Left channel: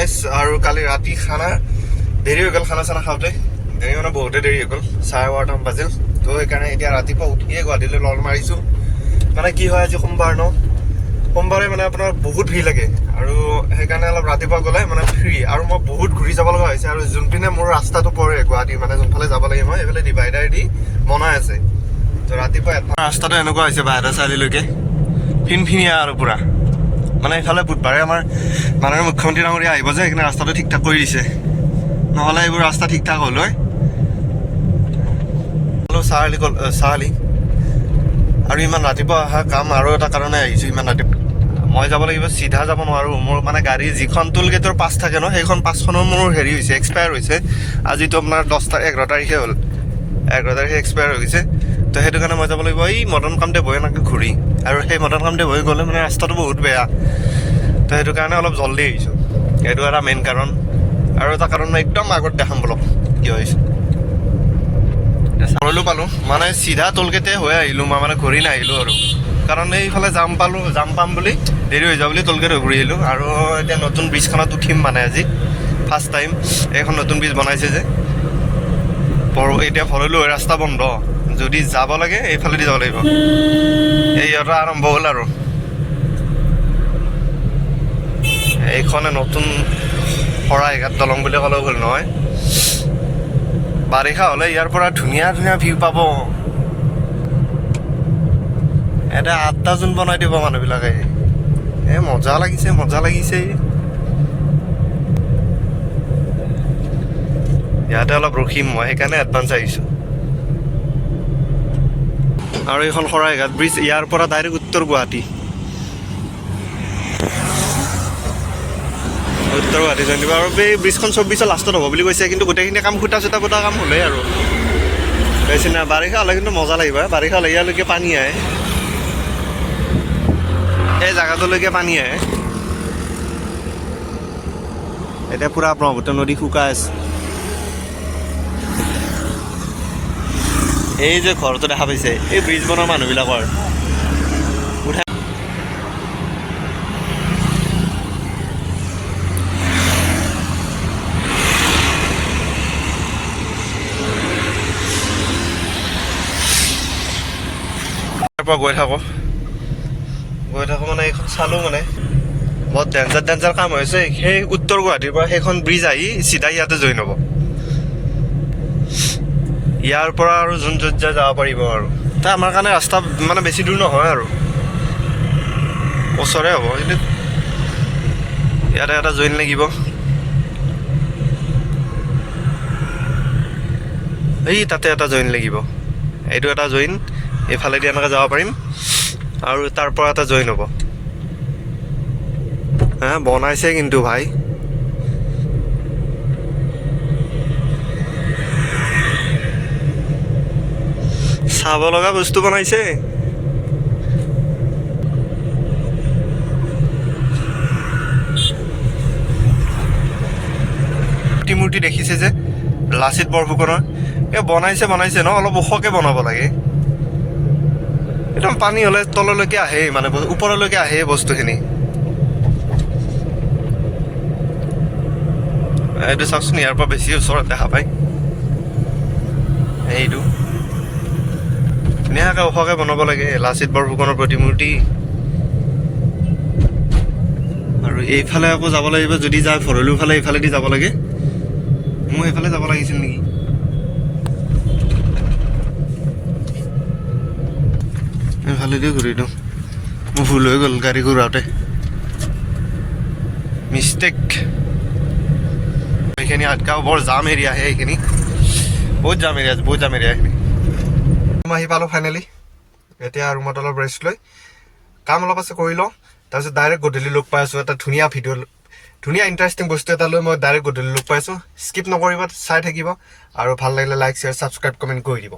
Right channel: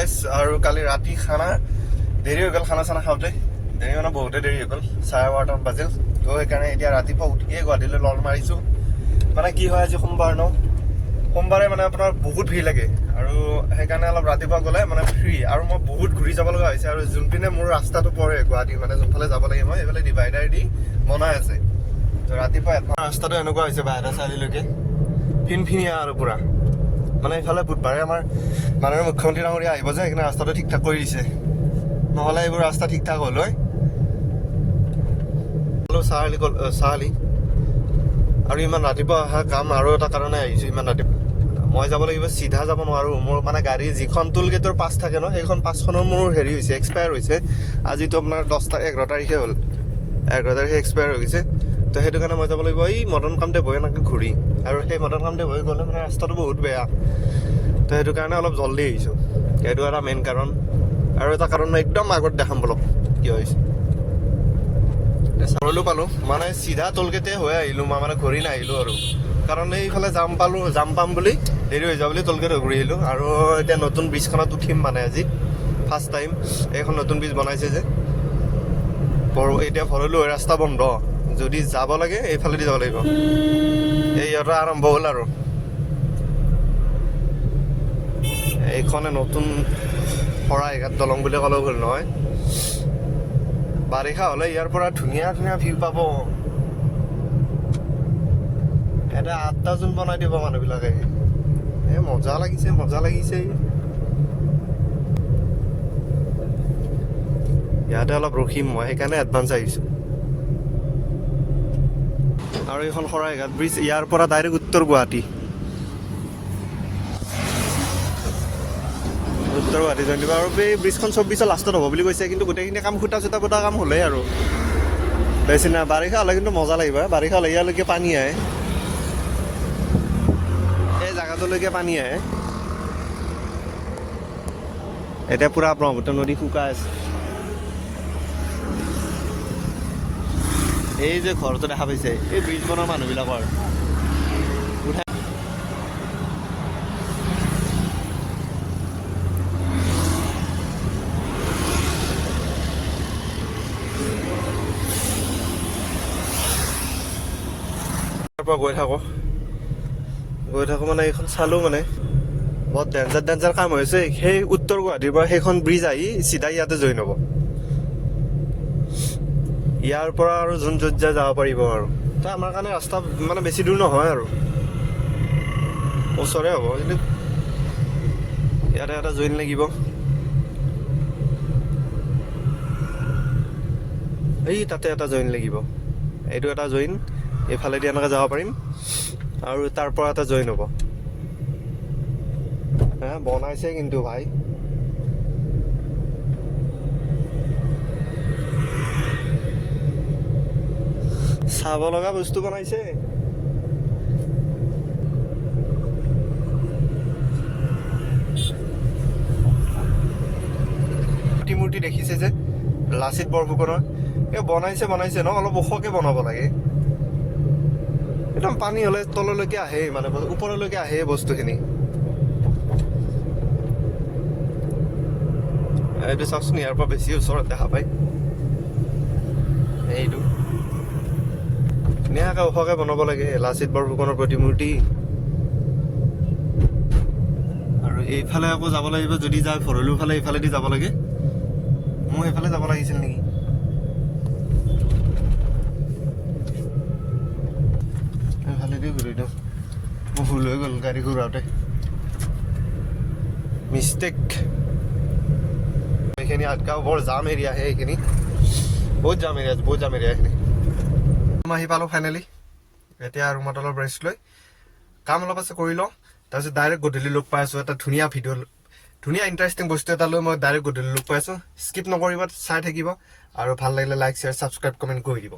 গাইছ আৰু কালি ৰাতি খানা দেৰি হৈ গ'ল খানা চানা খাওঁতে দেৰি মানে বহুতে দেৰি হৈ গ'ল 12:30 বাজিল তো সেইকাৰণে এতিয়া ৰাতিপুৱা উঠিয়ে গুৱাহাটীলৈ লল মাৰিছোঁ মানে কি হয় আজি সোমবাৰ ন সোমবাৰে মানে আপোনাৰ বহুত ভিৰ লাগে আৰু সেইকাৰণে অলপ ৰাতিপুৱা গ'লে মানে ফ্ৰী আৰু মই বহুত ঘূৰি যাব লগা হৈছে আৰু যোনপিনে মোৰ ৰাস্তাটো পৰে গুৱাহাটী মানে যোনফালে যাব লাগে মই এইফালে ডিভাইডাৰ দি বনাই আছে তো ৰাতিপুৱা ৰাস্তাটো এনেকুৱা হৈছে বাহিৰৰ চাৰিলৈকে ফিনফিনীয়া আৰু পুৰা মানে এইফালে বুধবাৰে আমাৰ মাননীয় মুখ্যমন্ত্ৰী ডাঙৰীয়া আহিব যে সেইকাৰণে ৰাস্তাটো ঠিক ঠাক কৰি দিছে নহ'লে এইবোৰ ৰাস্তা ঠিক ঠাক হ'ল হয় চাৰিআলি আৰু ইমান ৰাতিপুৱা অহা কাম আৰু এটা কাৰণে আহিছোঁ ইমান ৰাতিপুৱা মই যাব লাগিব চিধা যাব নোৱাৰোঁ মোৰ মানে গাড়ী যিখন টোল গেটৰ পাছ থাকে ন সেইখন পাছখনো মোৰ হেৰি হৈছে এক্সপায়াৰ হৈছে আজিতো আপোনাৰ 11 তাৰিখে হ'ল 11 তাৰিখে এক্সপায়াৰ হৈ গৈছে তো সেইটো কাৰণে মই যাব লাগিব এই মদন কামদেৱ হৈ এনেকৈ ঘূৰি আৰু সেই মদন কামদেৱ হৈ গ'লে মানে ৰাস্তাটো বহুত বেয়া তো সেইটো কাৰণে অলপ জল্দি আহিছোঁ সেইটো এটা মেইন কাৰণ আৰু এটা কাৰণ একদম আগত দেখাম বলক কি হৈছে চাবলৈ পালোঁ মানে চিধা টোলগেটে হৈ আহিলোঁ মই মানে ঘূৰি নাহিলোঁ আৰু কাৰণ এইফালে জাম পাম বুলি দেৰি হৈ যাব বুলি টোলগেট ঘূৰি আহিলোঁ আৰু এতিয়া নতুন ব্ৰিজখনত উঠিম মানে আজি ফাৰ্ষ্ট টাইম এইখন নতুন ব্ৰিজ বনাইছে যে এতিয়া ভৰলোঁ ৰাস্তা বন্ধ যদি যাব লাগে এইফালেদি যাব লাগিব এই এটা আৰম্ভ হ'ল আৰু এইখনে নতুন শৰাইঘাট দলং বুলি ক'লেও ভুল নহয় বাৰিষা হ'লে ইয়াৰ পৰা ধুনীয়া ধুনীয়া ভিউ পাব এটা 8টা জোন বনাই দিব মানুহবিলাকে মজা লাগিছে ইয়াতে অলপ ৰখিম মই সেইকাৰণে এডভান্স আহিছোঁ আৰু এইখন শৰাইঘাট ব্ৰিজ ইয়াৰ পৰা ডাইৰেক্ট উত্তৰ গুৱাহাটী জানিব আৰু এই ব্ৰিজখন 24 লাষ্টত হ'ব বুলি কৈছে কিন্তু গোটেইখিনি কাম খুটা কাম হ'লেই আৰু বেছি নাই বাৰিষা হ'লে কিন্তু মজা লাগিব বাৰিষা হ'লে ইয়ালৈকে পানী আহে এই জেগাটোলৈকে পানী আহে এতিয়া পূৰা ব্ৰহ্মপুত্ৰ নদী শুকাই আছে এই যে ঘৰটো দেখা পাইছে এই ব্ৰিজ বনোৱা মানুহবিলাকৰ গৈ থাকোঁ মানে এইখন চালোঁ মানে বহুত ডেঞ্জাৰ কাম হৈছে সেই উত্তৰ গুৱাহাটীৰ পৰা সেইখন ব্ৰিজ আহি চিধা ইয়াতে জইন হ'ব ইয়াৰ পৰা আৰু যোন য'ত যাব পাৰিব আৰু তাৰ আমাৰ কাৰণে ৰাস্তা মানে বেছি দূৰ নহয় আৰু ওচৰে হ'ব কিন্তু ইয়াতে এটা জইন লাগিব এই তাতে এটা জইন লাগিব এইটো এটা জইন এইফালেদি এনেকৈ যাব পাৰিম আৰু তাৰ পৰা এটা জইন হ'ব বনাইছে কিন্তু ভাই চাব লগা বস্তু বনাইছে মূৰ্তি দেখিছে যে লাচিত বৰফুকনৰ বনাইছে ন অলপ ওখকৈ বনাব লাগে একদম পানী হ'লে তললৈকে আহে মানে ওপৰলৈকে আহে বস্তুখিনি এইটো চাওকচোন ইয়াৰ পৰা বেছি ওচৰত দেখা পায় এইটো ধুনীয়াকৈ ওখকৈ বনাব লাগে লাচিত বৰফুকনৰ প্ৰতিমূৰ্তি আৰু এইফালে আকৌ যাব লাগিব যদি যায় ভৰলুৰ ফালে এইফালেদি যাব লাগে মোৰ সেইফালে যাব লাগিছিল নেকি এইফালেদি ঘূৰি দিওঁ মোৰ ভুল হৈ গ'ল গাড়ী ঘূৰাওঁতে মিষ্টেক এইখিনি আটকাও বৰ জাম এৰিয়া আহে এইখিনি বহুত জাম এৰিয়া এইখিনি মই আহি পালোঁ ফাইনেলি এতিয়া ৰুমত অলপ ৰেষ্ট লৈ কাম অলপ আছে কৰি লওঁ তাৰপিছত ডাইৰেক্ট গধূলি লগ পাই আছোঁ এটা ধুনীয়া ইণ্টাৰেষ্টিং বস্তু এটা লৈ মই ডাইৰেক্ট গধূলি লগ পাইছোঁ স্কিপ নকৰিব চাই থাকিব আৰু ভাল লাগিলে লাইক শ্বেয়াৰ ছাবস্ক্ৰাইব কমেণ্ট কৰি দিব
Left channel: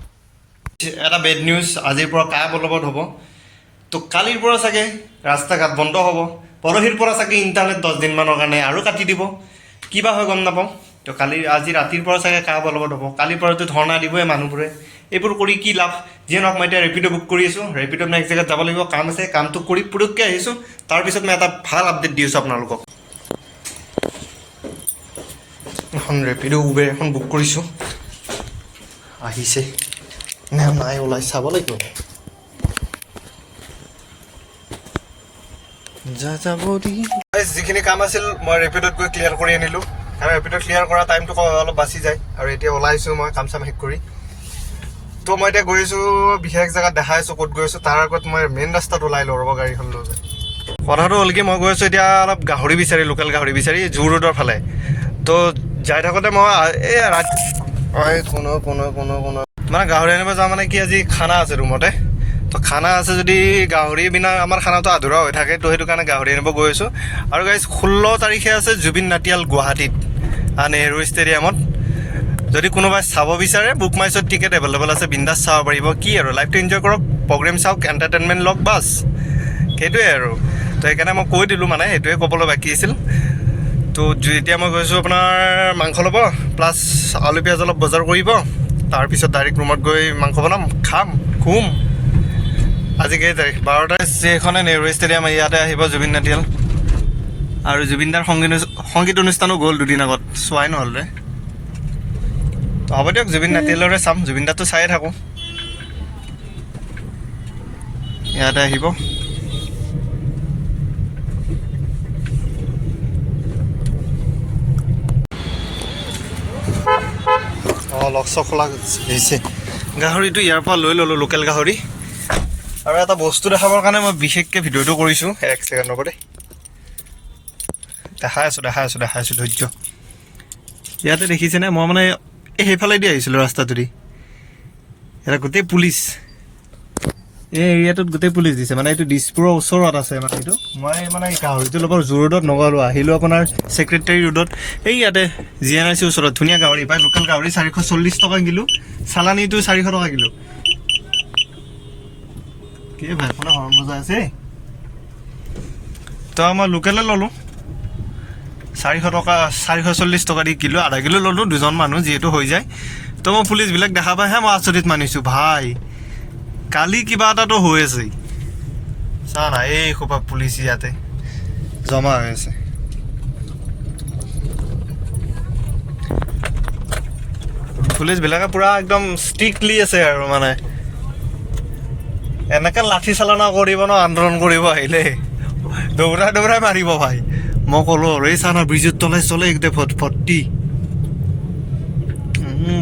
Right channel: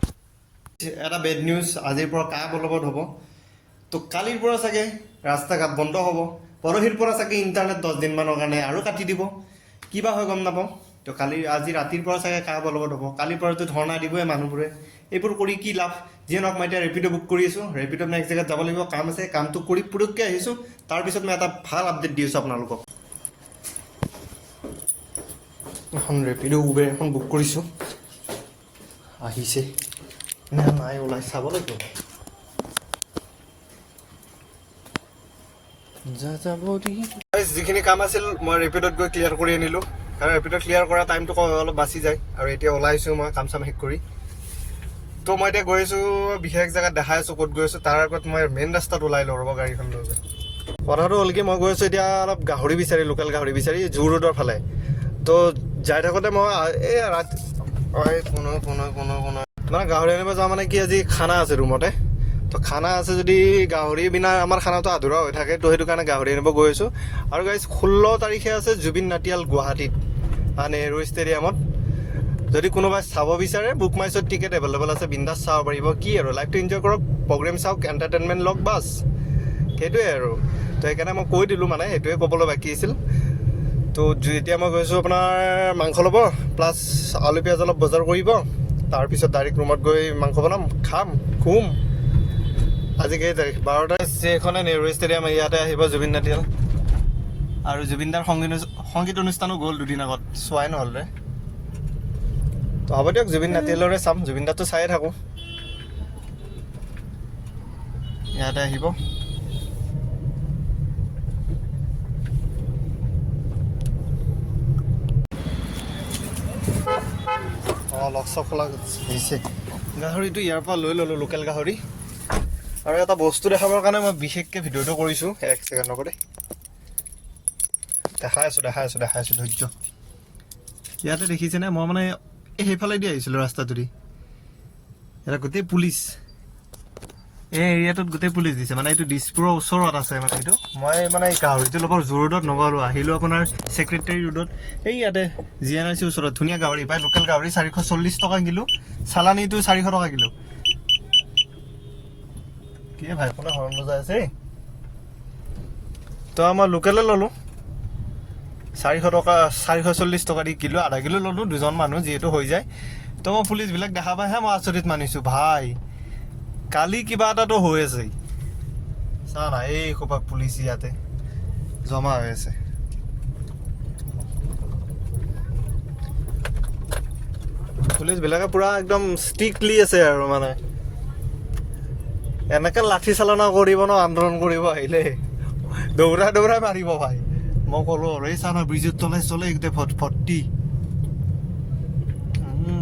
এটা বেড নিউজ আজিৰ পৰা কায়া বলবৎ হ'ব তো কালিৰ পৰা চাগে ৰাস্তা ঘাট বন্ধ হ'ব পৰহিৰ পৰা চাগে ইণ্টাৰনেট 10 দিনমানৰ কাৰণে আৰু কাটি দিব কিবা হয় গম নাপাওঁ তো আজি ৰাতিৰ পৰা চাগে কায়া বলবৎ হ'ব কালিৰ পৰাতো ধৰ্ণা দিবই মানুহবোৰে এইবোৰ কৰি কি লাভ যিয়ে নহওক মই এতিয়া ৰেপিডো বুক কৰি আছোঁ ৰেপিডোত নেক্সট জেগাত যাব লাগিব কাম আছে কামটো কৰি পুৰুককৈ আহিছোঁ তাৰপিছত মই এটা ভাল আপডেট দি আছোঁ আপোনালোকক এখন ৰেপিড' উবেৰ এখন বুক কৰিছোঁ আহিছে নে নাই ওলাই চাব লাগিব যিখিনি কাম আছিল মই ৰেপিডত গৈ ক্লিয়াৰ কৰি আনিলোঁ কাৰণ ৰেপিডত ক্লিয়াৰ কৰা টাইমটো অলপ বাচি যায় আৰু এতিয়া ওলাইছোঁ মই কাম চাম শেষ কৰি তো মই এতিয়া গৈ আছোঁ বিশেষ জেগাত দেখাই আছোঁ ক'ত গৈ আছোঁ তাৰ আগত মই মেইন ৰাস্তাত ওলাই লওঁ ৰ'ব গাড়ীখন লৈ কথাটো হ'ল কি মই গৈ আছোঁ এতিয়া অলপ গাহৰি বিচাৰি লোকেল গাহৰি বিচাৰি জু ৰোডৰ ফালে তো যাই থাকোঁতে মই এই মানে গাহৰি আনিব যাওঁ মানে কি আজি খানা আছে ৰুমতে তো খানা আছে যদি গাহৰি বিনা আমাৰ খানাটো আধৰুৱা হৈ থাকে তো সেইটো কাৰণে গাহৰি আনিব গৈ আছোঁ আৰু গাইজ 16 তাৰিখে আছে জুবিন নাটিয়াল গুৱাহাটীত নেহৰু ষ্টেডিয়ামত যদি কোনোবাই চাব বিচাৰে বুক মাই শ্ব'ত টিকেট এভেইলেবল আছে বিন্দাছ চাব পাৰিব কি আৰু লাইফটো এনজয় কৰক প্ৰগ্ৰেম চাওক এণ্টাৰটেইনমেণ্ট লওক বাছ সেইটোৱে আৰু তো সেইকাৰণে মই কৈ দিলোঁ মানে সেইটোৱে ক'বলৈ বাকী আছিল তো এতিয়া মই গৈছোঁ আপোনাৰ মাংস ল'ব প্লাছ আলু পিঁয়াজ অলপ বজাৰ কৰিব তাৰপিছত ডাইৰেক্ট ৰুমত গৈ মাংস বনাম খাম খুম আজি কেই তাৰিখ 12 সেইখনে নেহৰু ষ্টেডিয়াম ইয়াতে আহিব জুবিন নাটিয়াল আৰু জুবিনদাৰ সংগীত অনুষ্ঠানো গ'ল দুদিন আগত চোৱাই নহ'লে হ'ব দিয়ক জুবিন নাটিয়ালৰে চাম জুবিনদাটো চায়ে থাকোঁ ইয়াতে আহিব লক্ষ্য খোলা হৈছে গাহৰিটো ইয়াৰ পৰা লৈ ল'লোঁ লোকেল গাহৰি আৰু এটা বস্তু দেখাবৰ কাৰণে মই বিশেষকৈ ভিডিঅ'টো কৰিছোঁ 1 ছেকেণ্ডৰ পৰা দেখাই আছোঁ ধৈৰ্য ইয়াতে দেখিছেনে মই মানে সেইফালেদি আহিছিলোঁ ৰাস্তাটোদি এটা গোটেই পুলিচ এই এৰিয়াটোত গোটেই পুলিচ দিছে মানে এইটো দিছপুৰৰ ওচৰত আছে মানে এইটো মই মানে গাহৰিটো ল'বৰ জু ৰোডত নগ'লোঁ আহিলোঁ আপোনাৰ ছেক্ৰেটাৰী ৰোডত এই ইয়াতে GNRC ওচৰত ধুনীয়া গাহৰি পায় লোকেল গাহৰি 440 টকা কিলো চালানীটো 400 টকা কিলো কি ভাই ফোনে হৰণ বজাই আছে তো মই লোকেলে ল'লোঁ 440 টকা দি কিলো আধা কিলো ল'লোঁ দুজন মানুহ যিহেতু হৈ যায় তো মই পুলিচবিলাক দেখা পাইহে মই আচৰিত মানিছোঁ ভাই কালি কিবা এটাতো হৈ আছে চা না এই খোপা পুলিচ ইয়াতে জমা হৈ আছে পুলিচবিলাকে পুৰা একদম ষ্ট্ৰিক্টলি আছে আৰু মানে এনেকৈ লাঠি চালনা কৰিব ন আন্দোলন কৰিব আহিলে দৌৰাই মাৰিব ভাই মই ক'লোঁ আৰু এই চানা ব্ৰিজত তলাই চলে গোটেই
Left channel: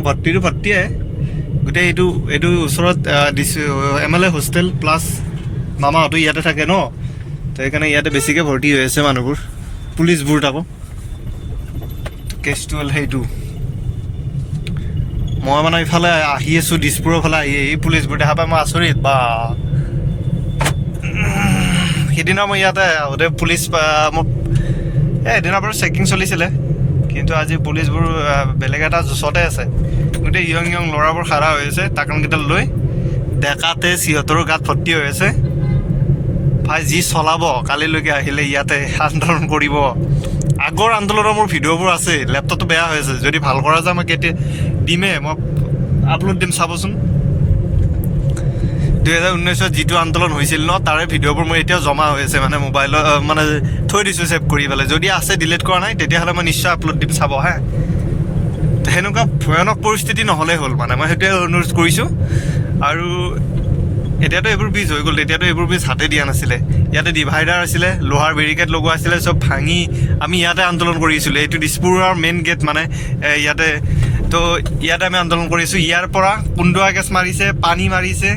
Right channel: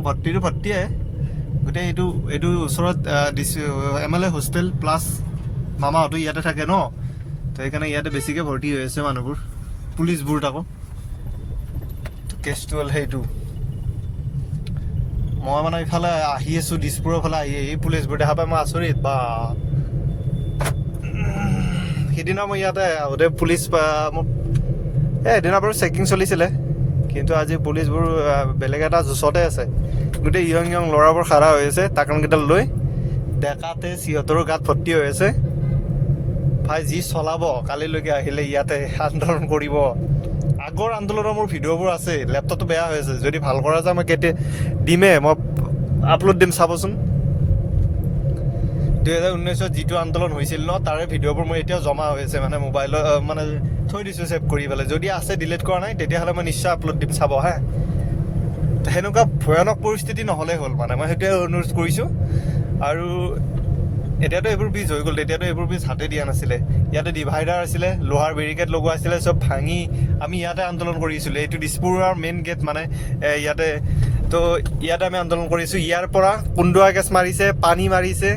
ভৰ্তিটো ভৰ্তিয়ে গোটেই এইটো ওচৰত MLA হোষ্টেল প্লাছ মামাহঁতো ইয়াতে থাকে ন তো সেইকাৰণে ইয়াতে বেছিকৈ ভৰ্তি হৈ আছে মানুহবোৰ পুলিচবোৰ তাকো কেছটো হ'ল সেইটো মই মানে ইফালে আহি আছোঁ দিছপুৰৰ ফালে আহি এই পুলিচবোৰ দেখা পাই মই আচৰিত বা সিদিনা মই ইয়াতে আহোঁতে পুলিচ মোক এদিনা বাৰু চেকিং চলিছিলে কিন্তু আজি পুলিচবোৰ বেলেগ এটা জোচতে আছে গোটেই ইয়ং ল'ৰাবোৰ খাৰা হৈ আছে টাকনকেইডাল লৈ ডেকাতে সিহঁতৰ গাত ভৰ্তি হৈ আছে ভাই যি চলাব কালিলৈকে আহিলে ইয়াতে আন্দোলন কৰিব আগৰ আন্দোলনৰ মোৰ ভিডিঅ'বোৰ আছে লেপটপটো বেয়া হৈ আছে যদি ভাল কৰা যায় মই কেতিয়া দিমে মই আপলোড দিম চাবচোন 2019 যিটো আন্দোলন হৈছিল ন তাৰে ভিডিঅ'বোৰ মোৰ এতিয়াও জমা হৈ আছে মানে মোবাইলত মানে থৈ দিছোঁ ছেভ কৰি পেলাই যদি আছে ডিলিট কৰা নাই তেতিয়াহ'লে মই নিশ্চয় আপলোড দিম চাব হা সেনেকুৱা ভয়ানক পৰিস্থিতি নহ'লেই হ'ল মানে মই সেইটোৱে অনুৰোধ কৰিছোঁ আৰু এতিয়াতো এইবোৰ ব্ৰিজ হৈ গ'ল তেতিয়াতো এইবোৰ ব্ৰিজ হাতে দিয়া নাছিলে ইয়াতে ডিভাইডাৰ আছিলে লোহাৰ বেৰিকেড লগোৱা আছিলে চব ভাঙি আমি ইয়াতে আন্দোলন কৰিছিলোঁ এইটো দিছপুৰৰ মেইন গেট মানে ইয়াতে তো ইয়াতে আমি আন্দোলন কৰিছোঁ ইয়াৰ পৰা কুন্দুৱা গেছ মাৰিছে পানী মাৰিছে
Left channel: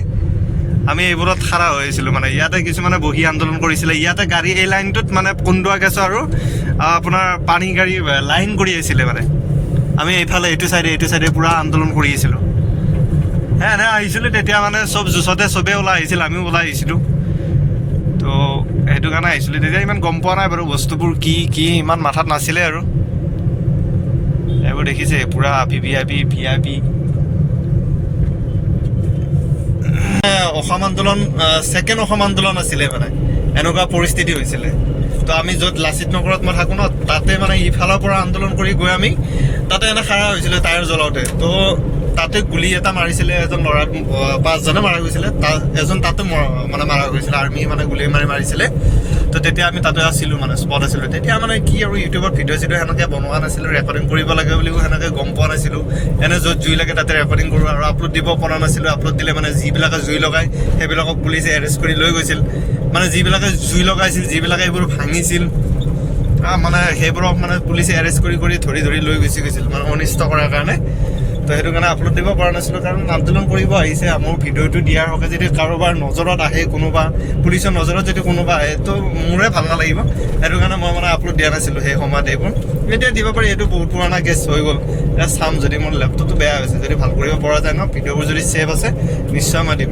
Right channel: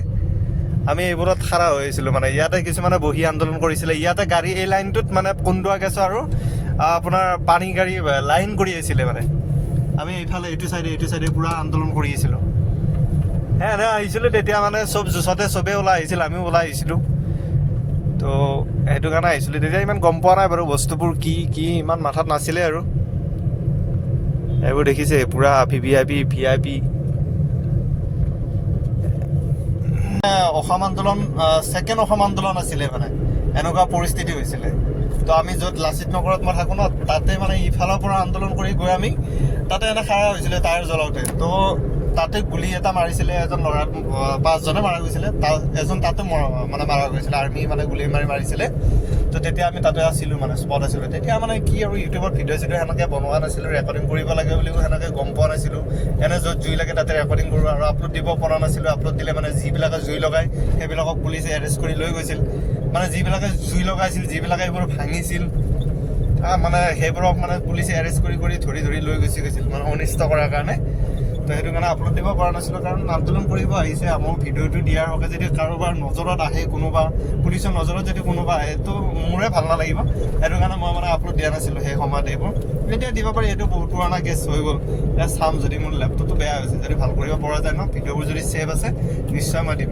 আমি এইবোৰত খাৰা হৈ আছিলোঁ মানে ইয়াতে কিছুমানে বহি আন্দোলন কৰিছিলে ইয়াতে গাড়ী এই লাইনটোত মানে কুন্দুৱা গেছ আৰু আপোনাৰ পানী গাড়ী লাইন কৰি আছিলে মানে আমি এইফালে এইটো চাইডে পূৰা আন্দোলন কৰি আছিলোঁ এনে আহিছিলোঁ তেতিয়া মানে চব জোচতে চবেই ওলাই আহিছিল আমিও ওলাই আহিছিলোঁ তো সেইটো কাৰণে আহিছিলোঁ তেতিয়া ইমান গম পোৱা নাই বাৰু বস্তুবোৰ কি ইমান মাথাত নাছিলে আৰু এইবোৰ দেখিছে পূৰা VIP অসম আন্দোলন ছেকেণ্ড অসম আন্দোলন আছিলে মানে এনেকুৱা পৰিস্থিতি হৈছিলে তো আমি য'ত লাচিত নগৰত মই থাকোঁ ন তাতে মানে ইফালৰ পৰা আন্দোলন কৰি গৈ আমি তাতে এনে খাৰা হৈছিলে টায়াৰ জ্বলাওঁতে তো তাতে গুলি এটা মাৰিছিলে এজন ল'ৰা 5জনে মাৰা গৈছিলে এজন তাতে মানে মাৰা গৈছিলে আৰ্মি মানে গুলি মাৰিছিলে তো তেতিয়া আমি তাতে আছিলোঁ মানে স্পট আছিলোঁ তেতিয়া মানে কি আৰু ইউটিউবত ভিডিঅ' চিডিঅ' সেনেকৈ বনোৱা নাছিলোঁ ৰেকৰ্ডিং কৰিব লাগে বুলিও সেনেকৈ গম পোৱা নাছিলোঁ এনে য'ত জুই লাগে তাতে ৰেকৰ্ডিং কৰোঁ আৰু আপলোড দিব পৰা নাছিলোঁ আপলোড দিলে মানে যিবিলাকে জুই লগায় সেইবিলাকক পুলিচে এৰেষ্ট কৰি লৈ গৈছিল মানে যিবিলাকে জুই লগাইছিল যিবিলাকে এইবোৰ ভাঙিছিল মানে সেইবোৰক মানে পুলিচে এৰেষ্ট কৰি ধৰি লৈ গুচি গৈছিল মানে অনিষ্ট কৰাৰ কাৰণে তো সেইটো কাৰণে আপলোড দিব পৰা নাছিলোঁ কাৰণ আন্দোলন কৰিব আহিছে মোৰ ভিডিঅ'টো দিয়াৰ হকে যদি কাৰোবাৰ নজৰত আহে কোনোবা পুলিচৰ নজৰত যদি কোনোবা আহে তো মোৰে ভাল নালাগিব সেইটো কাৰণে মই মানে আপলোড দিয়া নাছিলোঁ সেই সময়ত এইবোৰ এতিয়া দিব পাৰি এইটো বহুত পুৰণা কেছ হৈ গ'ল এতিয়া চাম যদি মোৰ লেপটপটো বেয়া হৈছে যদি ভাল কৰিব পৰা যায় ন ভিডিঅ'বোৰ যদি ছেভ আছে নিশ্চয় মই দিম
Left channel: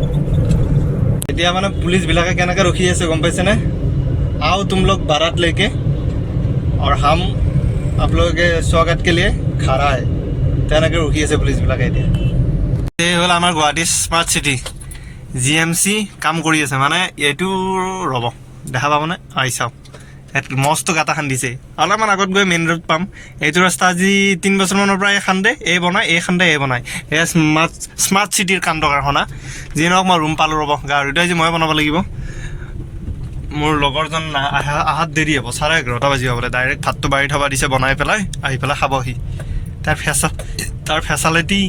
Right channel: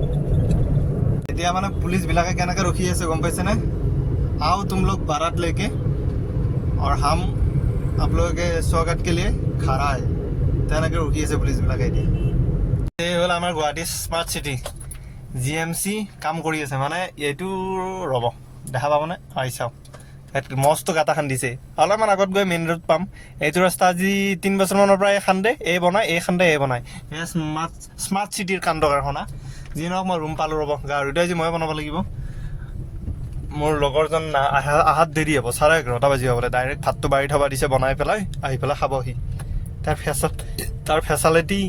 এতিয়া মানে পুলিচবিলাকে কেনেকৈ ৰখি আছে গম পাইছেনে आओ तुम लोग बारात लेके और हम आप लोगों के स्वागत के लिए खड़ा है তেনেকৈ ৰখি আছে পুলিচবিলাকে এতিয়া এই হ'ল আমাৰ গুৱাহাটী স্মাৰ্ট চিটি GMC কাম কৰি আছে মানে এইটো ৰ'ব দেখা পাবনে আহি চাওক মস্ত গাঁটা খান্দিছে অলপমান আগত গৈ মেইন ৰোড পাম এইটো ৰাস্তা আজি 3 বছৰমানৰ পৰা এই খান্দে এই বনায় এয়া স্মাৰ্ট চিটিৰ কাণ্ড কাৰখানা যি নহওক মই ৰুম পালোঁ ৰ'ব গাড়ীটো আজি মই বনাব লাগিব মোৰ লগৰজন আহাত দেৰি হ'ব 11:30 বাজিব বোলে ডাইৰেক্ট ভাতটো বাঢ়ি থবা দিছে বনাই পেলাই আহি পেলাই খাবহি তাৰ ফেচালিটি